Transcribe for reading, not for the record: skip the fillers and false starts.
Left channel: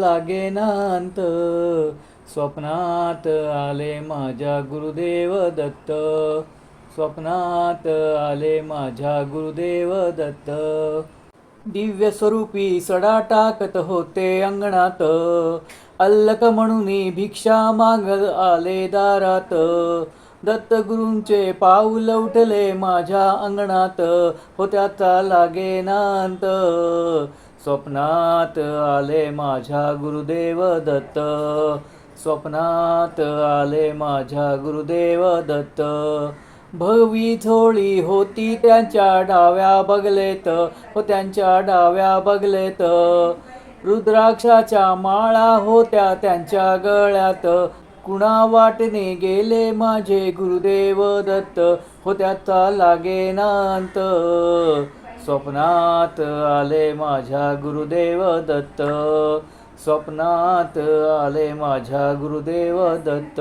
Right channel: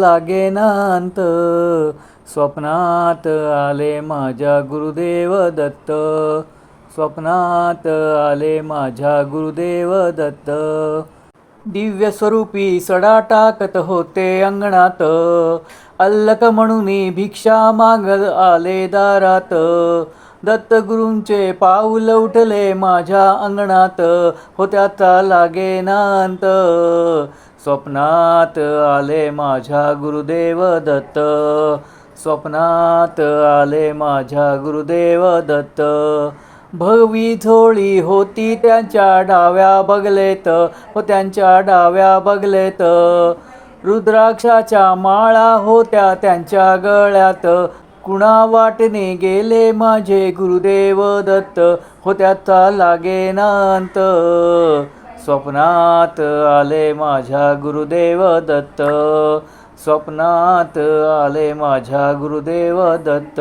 लागेनांत. स्वप्नात आले माझ्या गुरुदेव दत्त. स्वप्नात आले माझ्या गुरुदेव दत्त. दिव्य स्वरूपी सडा टाकत होते अंगणात. अल्लक म्हणून भिक्षा मागत आले दारात. दत्तगुरूंचे पाऊल उठले माझ्या अंगणात. त्याचा लागेनांत. स्वप्नात आले माझ्या गुरुदेव दत्त. स्वप्नात आले माझ्या गुरुदेव दत्त. भगवी झोळी होती त्यांच्या डाव्या बगलेत. त्यांच्या डाव्या बगलेत. रुद्राक्षाच्या माळा होत्या त्यांच्या गळ्यात. कुणा वाटणे गेले माझे गुरुदेव दत्त. त्याचा लागेनांत. स्वप्नात आले माझ्या गुरुदेव दत्त. स्वप्नात आले माझ्या गुरुदेव दत्त.